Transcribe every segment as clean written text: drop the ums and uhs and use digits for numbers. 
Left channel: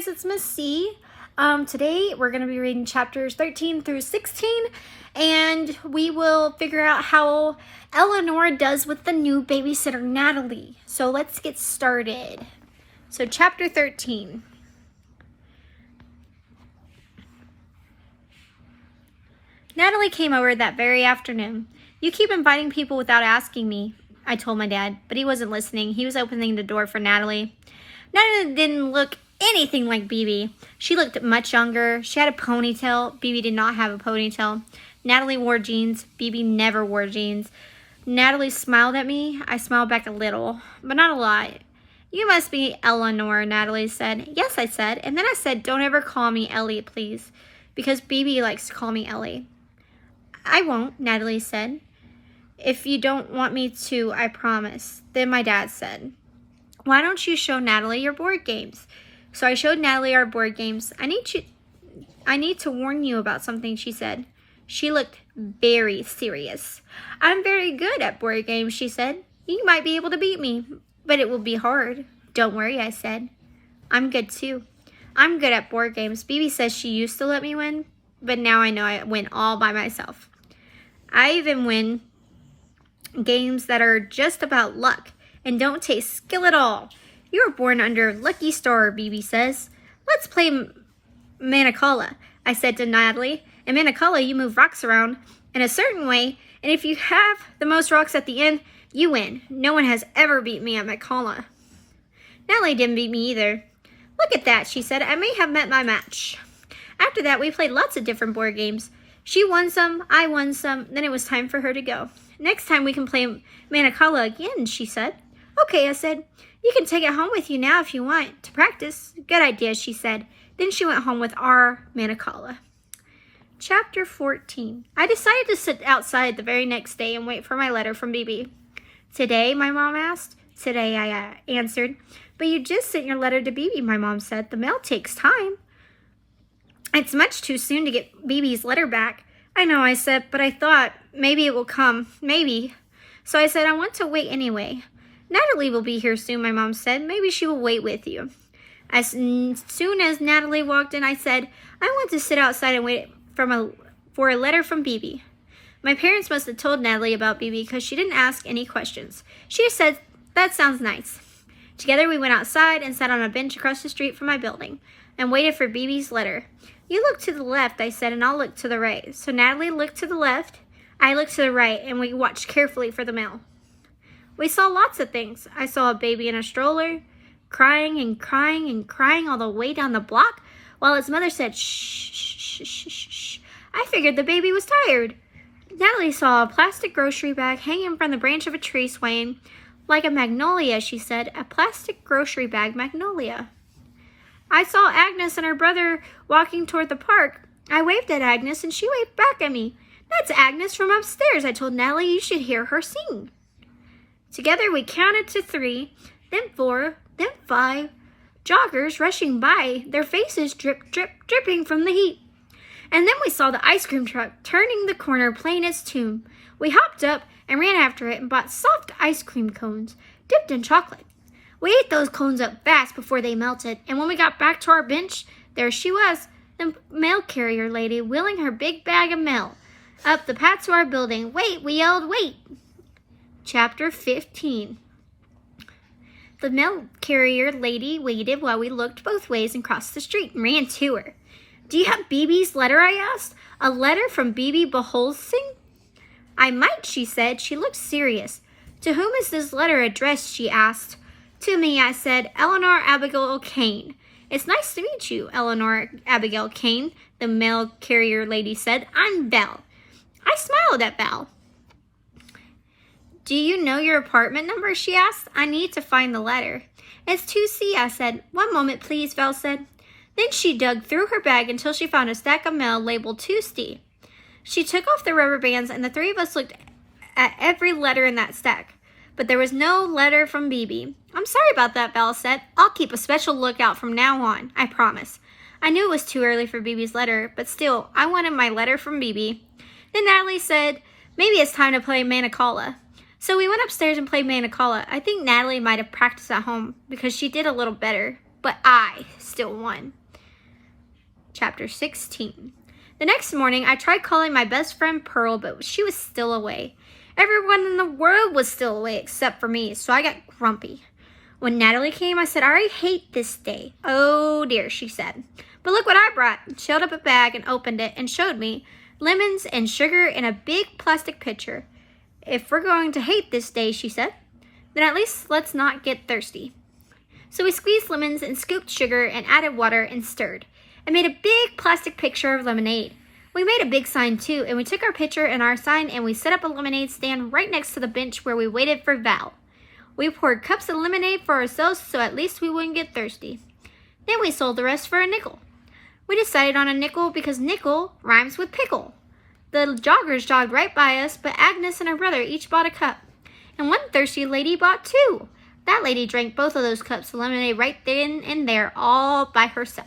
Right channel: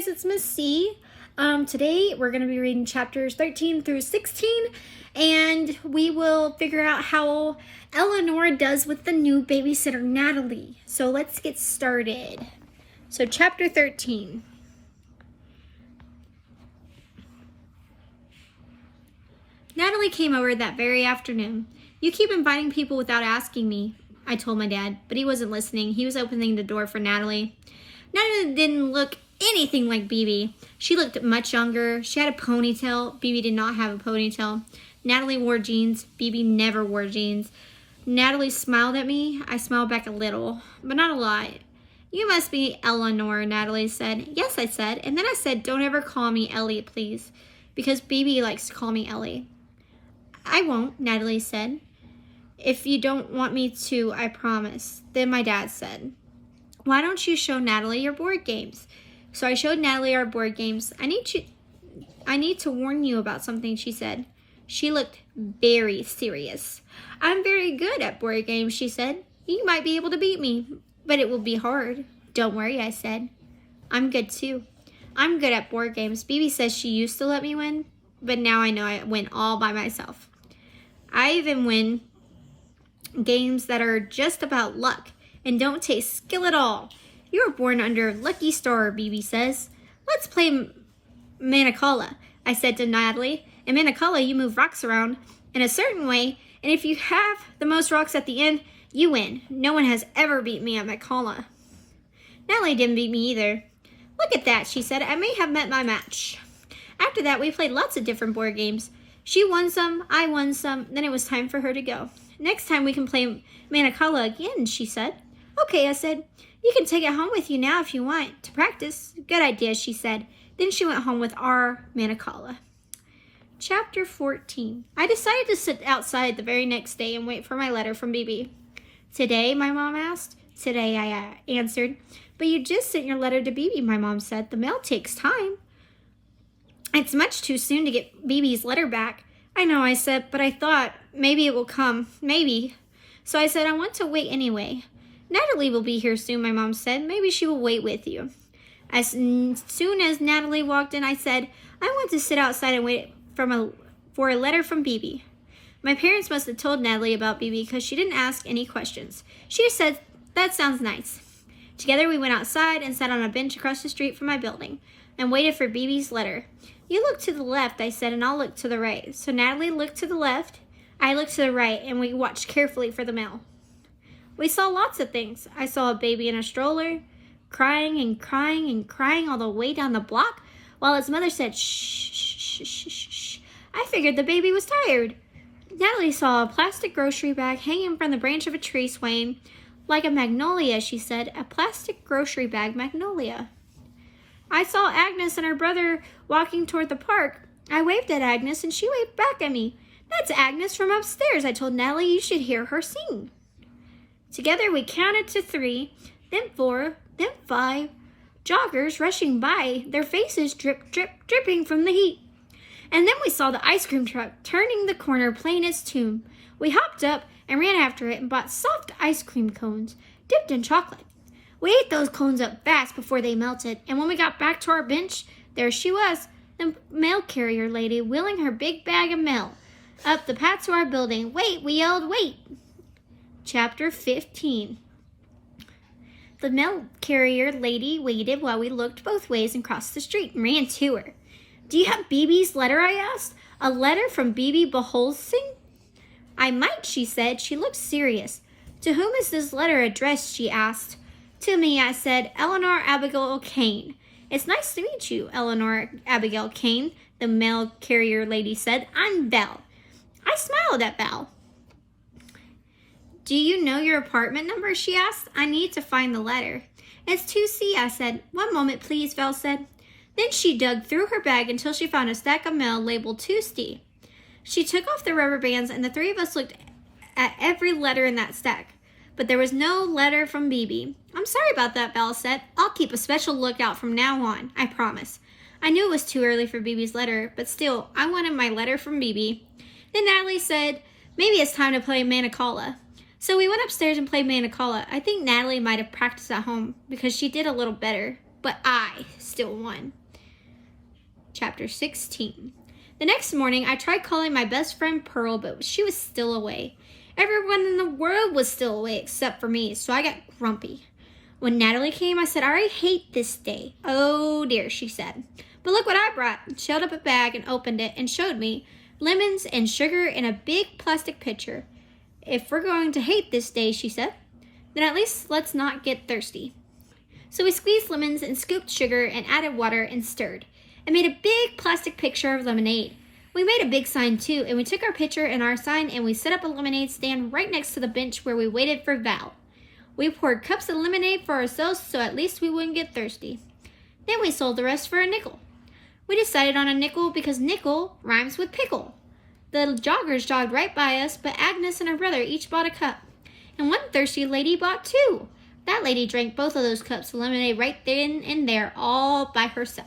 guys, it's Miss C. Today we're going to be reading chapters 13 through 16, and we will figure out how Eleanor does with the new babysitter, Natalie. So let's get started. So chapter 13. Natalie came over that very afternoon. "You keep inviting people without asking me," I told my dad, but he wasn't listening. He was opening the door for Natalie. Natalie didn't look anything like Bibi. She looked much younger. She had a ponytail. Bibi did not have a ponytail. Natalie wore jeans. Bibi never wore jeans. Natalie smiled at me. I smiled back a little, but not a lot. "You must be Eleanor," Natalie said. "Yes," I said. And then I said, "Don't ever call me Ellie, please," because Bibi likes to call me Ellie. "I won't," Natalie said. "If you don't want me to, I promise." Then my dad said, "Why don't you show Natalie your board games?" So I showed Natalie our board games. I need to warn you about something," she said. She looked very serious. "I'm very good at board games," she said. "You might be able to beat me, but it will be hard." "Don't worry," I said. "I'm good too. I'm good at board games. Bibi says she used to let me win, but now I know I win all by myself. I even win games that are just about luck and don't taste skill at all. You were born under a lucky star," Bibi says. "Let's play Manicala," I said to Natalie. "In Manicala, you move rocks around in a certain way, and if you have the most rocks at the end, you win. No one has ever beat me at Manicala." Natalie didn't beat me either. "Look at that," she said. "I may have met my match." After that, we played lots of different board games. She won some, I won some, then it was time for her to go. "Next time we can play Manicala again," she said. "Okay," I said. "You can take it home with you now if you want, to practice." "Good idea," she said. Then she went home with our Manicala. Chapter 14. I decided to sit outside the very next day and wait for my letter from Bibi. "Today?" my mom asked. "Today," I answered. "But you just sent your letter to Bibi," my mom said. "The mail takes time." "It's much too soon to get Bibi's letter back." "I know," I said, "but I thought maybe it will come. Maybe." So I said, "I want to wait anyway." "Natalie will be here soon," my mom said. "Maybe she will wait with you." As soon as Natalie walked in, I said, "I want to sit outside and wait for a letter from Bibi." My parents must have told Natalie about Bibi because she didn't ask any questions. She just said, "That sounds nice." Together we went outside and sat on a bench across the street from my building and waited for Bibi's letter. "You look to the left," I said, "and I'll look to the right." So Natalie looked to the left, I looked to the right, and we watched carefully for the mail. We saw lots of things. I saw a baby in a stroller, crying and crying and crying all the way down the block, while its mother said, "Shh, shh, shh, shh, shh." I figured the baby was tired. Natalie saw a plastic grocery bag hanging from the branch of a tree swaying like a magnolia, she said. "A plastic grocery bag magnolia." I saw Agnes and her brother walking toward the park. I waved at Agnes and she waved back at me. "That's Agnes from upstairs," I told Natalie. "You should hear her sing." Together we counted to 3, then 4, then 5. Joggers rushing by, their faces drip, drip, dripping from the heat. And then we saw the ice cream truck turning the corner playing its tune. We hopped up and ran after it and bought soft ice cream cones dipped in chocolate. We ate those cones up fast before they melted, and when we got back to our bench, there she was, the mail carrier lady wheeling her big bag of mail up the path to our building. "Wait," we yelled, "wait." Chapter 15. The mail carrier lady waited while we looked both ways and crossed the street and ran to her. "Do you have Bibi's letter?" I asked. "A letter from Bibi Beholsing?" "I might," she said. She looked serious. "To whom is this letter addressed?" she asked. "To me," I said. "Eleanor Abigail Kane." "It's nice to meet you, Eleanor Abigail Kane," the mail carrier lady said. "I'm Belle." I smiled at Belle. "Do you know your apartment number?" she asked. "I need to find the letter." "It's 2C, I said. "One moment, please," Belle said. Then she dug through her bag until she found a stack of mail labeled 2C. She took off the rubber bands, and the 3 of us looked at every letter in that stack. But there was no letter from Bibi. "I'm sorry about that," Belle said. "I'll keep a special lookout from now on, I promise." I knew it was too early for Bibi's letter, but still, I wanted my letter from Bibi. Then Natalie said, "Maybe it's time to play Manicala." So we went upstairs and played Manicala. I think Natalie might have practiced at home because she did a little better. but I still won. Chapter 16. The next morning, I tried calling my best friend Pearl, but she was still away. Everyone in the world was still away except for me, so I got grumpy. When Natalie came, I said, I already hate this day. Oh dear, she said. But look what I brought. She held up a bag and opened it and showed me lemons and sugar in a big plastic pitcher. If we're going to hate this day, she said, then at least let's not get thirsty. So we squeezed lemons and scooped sugar and added water and stirred. And made a big plastic picture of lemonade. We made a big sign too, and we took our picture and our sign and we set up a lemonade stand right next to the bench where we waited for Val. We poured cups of lemonade for ourselves so at least we wouldn't get thirsty. Then we sold the rest for a nickel. We decided on a nickel because nickel rhymes with pickle. The joggers jogged right by us, but Agnes and her brother each bought a cup. And one thirsty lady bought two. That lady drank both of those cups of lemonade right then and there all by herself.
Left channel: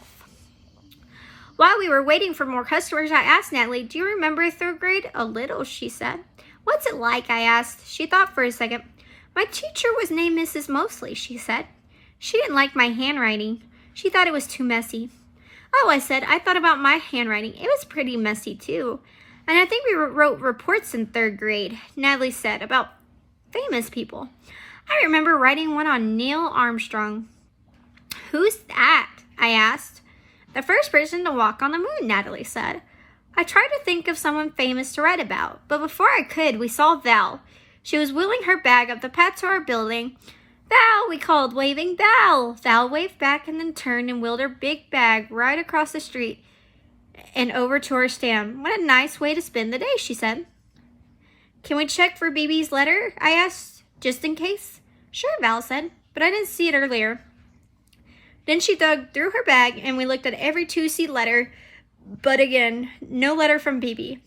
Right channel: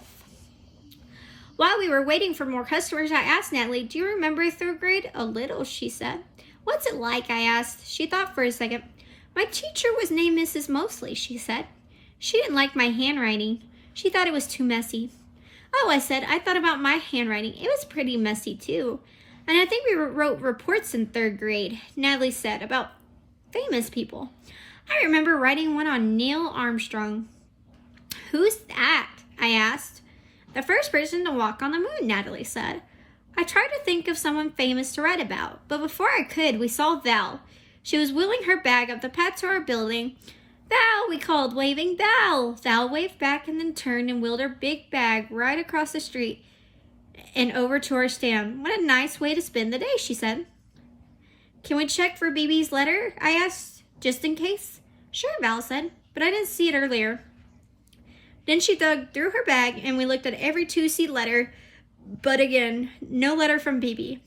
While we were waiting for more customers, I asked Natalie, do you remember 3rd grade? A little, she said. What's it like? I asked. She thought for a second. My teacher was named Mrs. Mosley, she said. She didn't like my handwriting. She thought it was too messy. Oh, I said, I thought about my handwriting. It was pretty messy too. And I think we wrote reports in 3rd grade, Natalie said, about famous people. I remember writing one on Neil Armstrong. Who's that? I asked. The first person to walk on the moon, Natalie said. I tried to think of someone famous to write about, but before I could, we saw Val. She was wheeling her bag up the path to our building. Val, we called, waving, Val! Val waved back and then turned and wheeled her big bag right across the street and over to our stand. What a nice way to spend the day, she said. Can we check for BB's letter? I asked, just in case. Sure, Val said, but I didn't see it earlier. Then she dug through her bag and we looked at every 2C letter, but again, no letter from BB.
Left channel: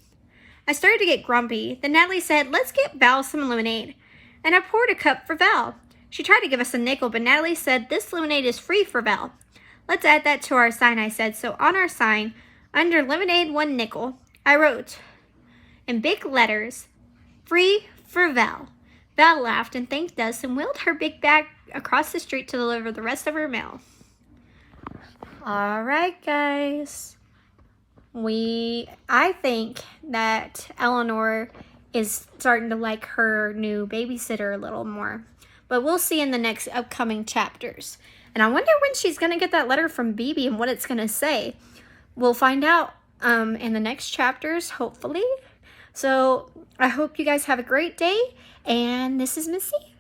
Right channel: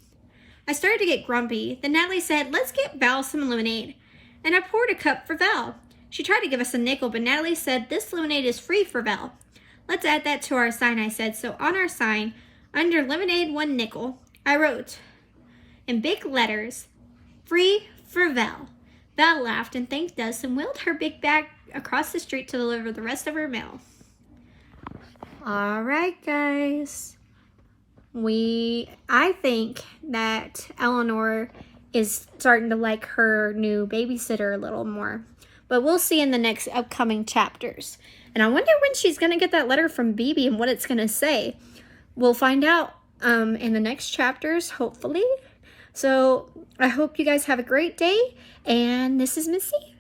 I started to get grumpy. Then Natalie said, let's get Val some lemonade. And I poured a cup for Val. She tried to give us a nickel, but Natalie said, this lemonade is free for Val. Let's add that to our sign, I said. So on our sign, under lemonade 1 nickel, I wrote in big letters, free for Val. Val laughed and thanked us and wheeled her big bag across the street to deliver the rest of her mail. All right, guys. I think that Eleanor is starting to like her new babysitter a little more. But we'll see in the next upcoming chapters. And I wonder when she's going to get that letter from BB and what it's going to say. We'll find out in the next chapters, hopefully. So I hope you guys have a great day. And this is Missy.